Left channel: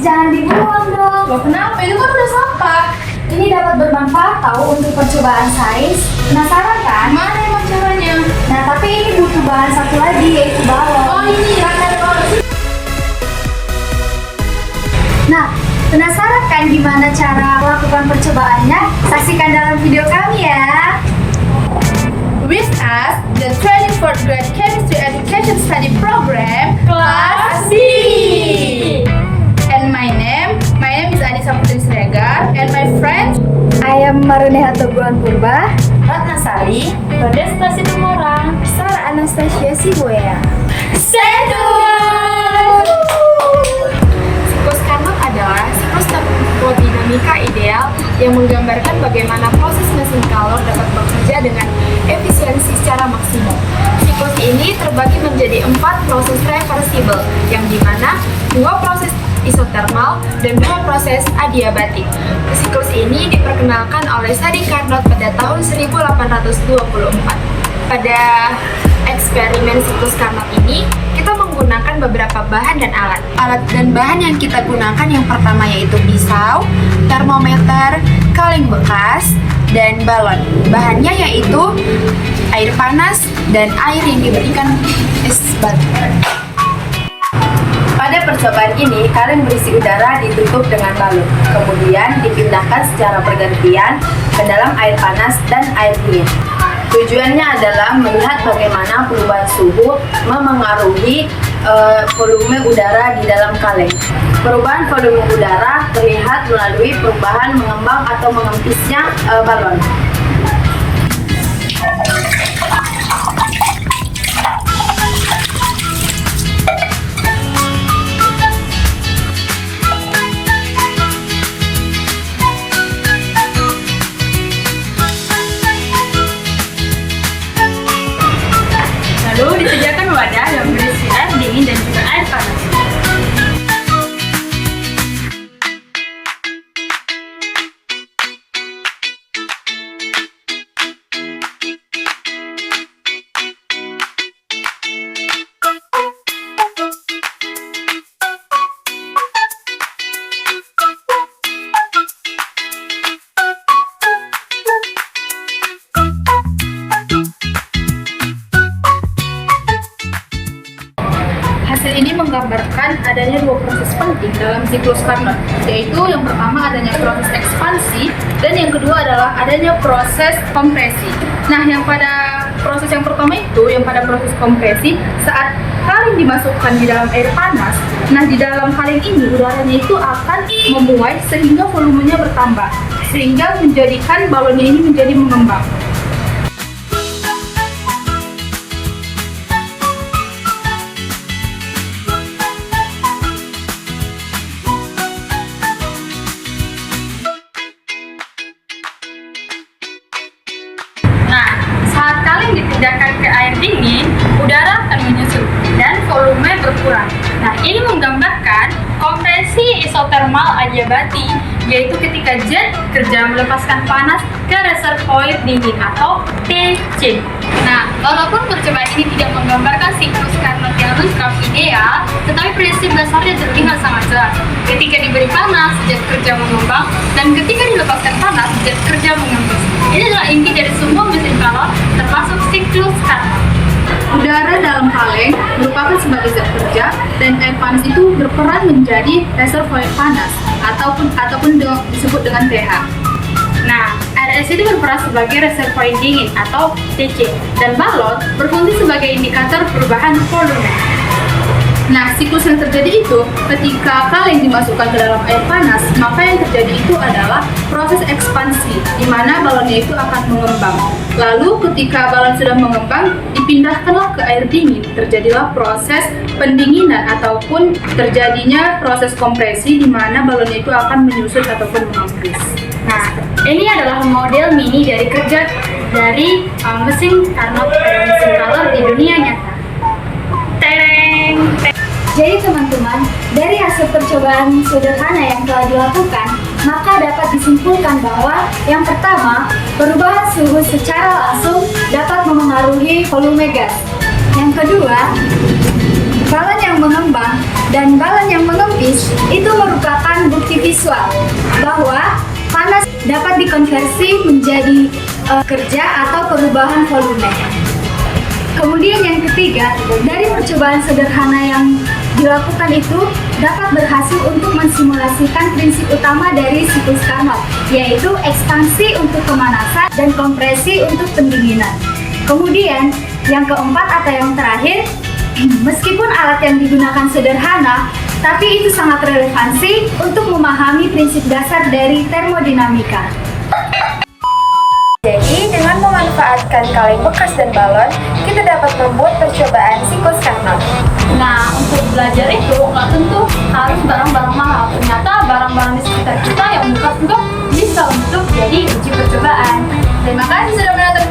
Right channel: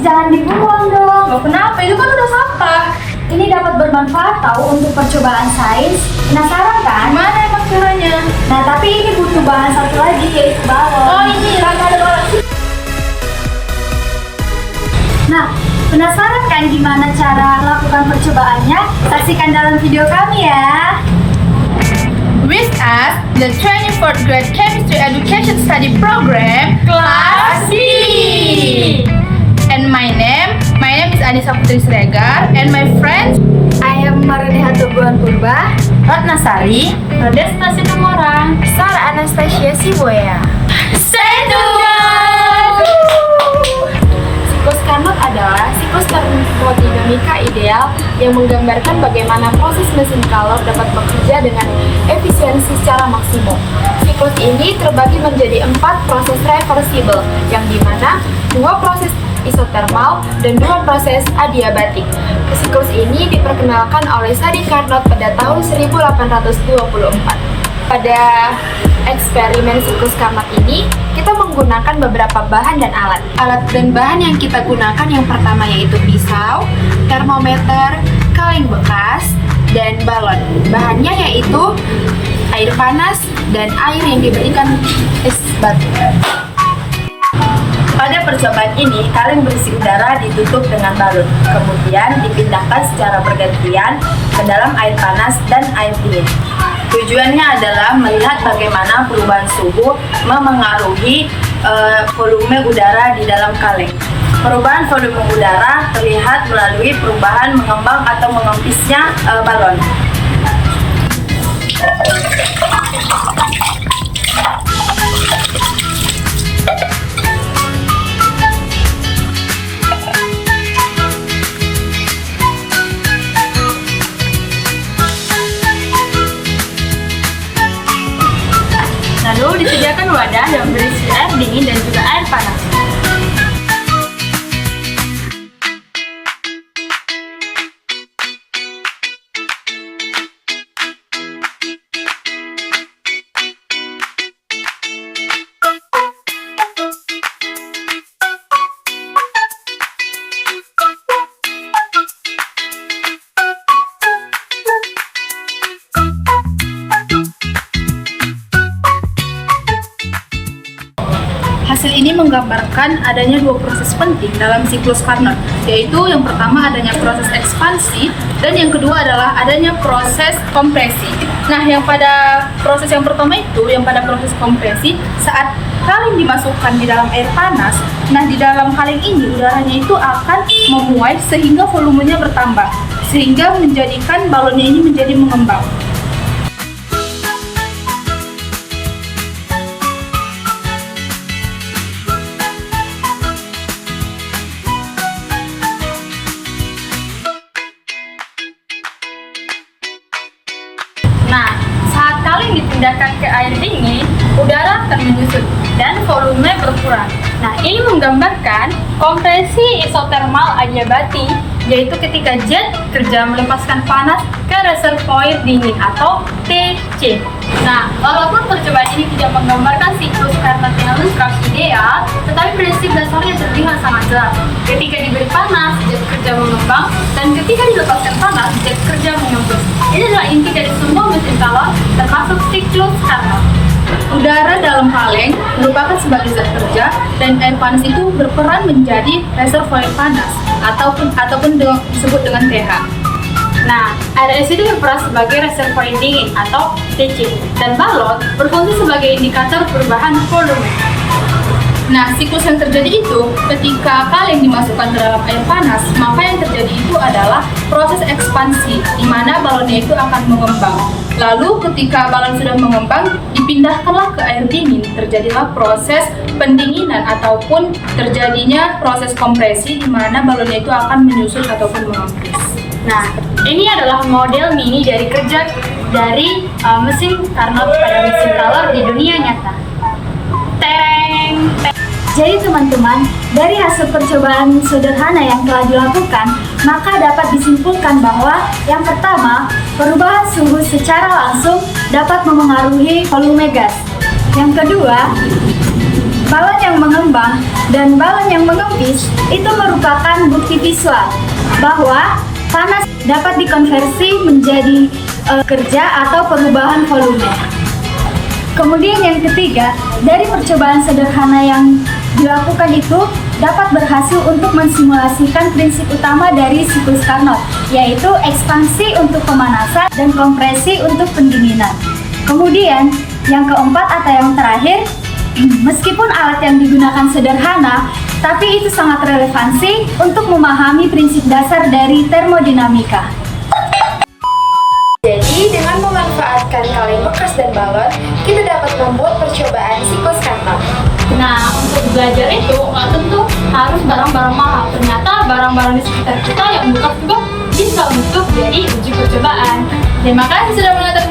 jangan dibuang dong. Loh kenapa? Itu kan udah sampah. Ini dapat bermanfaat tahu untuk percobaan sains. Penasaran kan? Gimana emang caranya? Nah, tapi ini butuh bahan satu lagi, yaitu balon. Oh ini, Nah, penasaran kan gimana cara lakukan percobaannya? Saksikan dalam video kami ya. With us, the 24th grade chemistry education study program, Class B. And my name is Anissa Putri Siregar, and my friends, I am Maruneha Toguan Purba, Ratna Sari, Radesta Situmorang, Sarah Anastasia Siboya. Stay tuned! Siklus Carnot adalah siklus termodinamika ideal yang menggambarkan bagaimana proses mesin kalor dapat bekerja dengan efisiensi secara maksimum. Siklus ini terbagi menjadi 4 proses reversible, yang dimana 2 proses isotermal dan 2 proses adiabatik. Siklus ini diperkenalkan oleh Sadi Carnot pada tahun 1824. Pada eksperimen siklus Carnot ini, kita menggunakan beberapa bahan dan alat. Alat dan bahan yang kita gunakan yang pertama yaitu pisau, termometer, kaleng bekas, dan balon. Bahannya yaitu air panas dan air yang diberikan es batu. Pada percobaan ini, kaleng berisi udara ditutup dengan balon, kemudian dipindahkan secara bergantian ke dalam air panas dan air dingin. Tujuannya adalah melihat bagaimana perubahan suhu memengaruhi volume udara di dalam kaleng. Perubahan volume udara terlihat melalui perubahan mengembang atau mengempisnya balon. Disediakan wadah yang berisi air dingin dan juga air panas. Hasil ini menggambarkan adanya 2 proses penting dalam siklus Carnot, yaitu yang pertama adanya proses ekspansi dan yang kedua adalah adanya proses kompresi. Nah, yang pada proses yang pertama itu, yang pada proses kompresi, saat kaleng dimasukkan di dalam air panas, nah di dalam kaleng ini udaranya itu akan memuai sehingga volumenya bertambah, sehingga menjadikan balonnya ini menjadi mengembang. Dipindahkan ke air dingin, udara akan menyusut dan volume berkurang. Nah, ini menggambarkan kompresi isotermal adiabati, yaitu ketika jet kerja melepaskan panas ke reservoir dingin atau TC. Nah, walaupun percobaan ini tidak menggambarkan siklus Carnot yang lengkap ideal, tetapi prinsip dasarnya terlihat sangat jelas. Ketika diberi panas, jet kerja mengembang, dan ketika dilepaskan panas, jet kerja mengembang. Ini adalah inti dari semua mesin kalor, termasuk siklus Carnot. Udara dalam kaleng merupakan sebagai zat kerja, dan air panas itu berperan menjadi reservoir panas ataupun disebut dengan pH. Nah, air es itu berperan sebagai reservoir dingin atau TC, dan balon berfungsi sebagai indikator perubahan volume. Nah, siklus yang terjadi itu ketika kaleng dimasukkan ke dalam air panas, maka yang terjadi itu adalah proses ekspansi, di mana balonnya itu akan mengembang. Lalu ketika balon sudah mengembang, dipindahkanlah ke air dingin, terjadilah proses pendinginan ataupun terjadinya proses kompresi, di mana balonnya itu akan menyusut ataupun mengempis. Nah, ini adalah model mini dari kerja dari mesin Carnot pada mesin kalor di dunia nyata. Jadi teman-teman, dari hasil percobaan sederhana yang telah dilakukan, maka dapat disimpulkan bahwa yang pertama, perubahan suhu secara langsung dapat memengaruhi volume gas. Yang kedua, balon yang mengembang, dan balon yang mengempis itu merupakan bukti visual bahwa panas dapat dikonversi menjadi kerja atau perubahan volume. Kemudian yang ketiga, dari percobaan sederhana yang dilakukan itu dapat berhasil untuk mensimulasikan prinsip utama dari siklus Carnot, yaitu ekspansi untuk pemanasan dan kompresi untuk pendinginan. Kemudian yang keempat atau yang terakhir, meskipun alat yang digunakan sederhana, tapi itu sangat relevansi untuk memahami prinsip dasar dari termodinamika. Jadi, dengan memanfaatkan kaleng bekas dan balon, kita dapat membuat percobaan siklus Carnot. Nah, untuk belajar itu nggak tentu harus barang-barang mahal. Ternyata barang-barang di sekitar kita yang bekas juga bisa untuk jadi uji percobaan. Terima kasih sudah menonton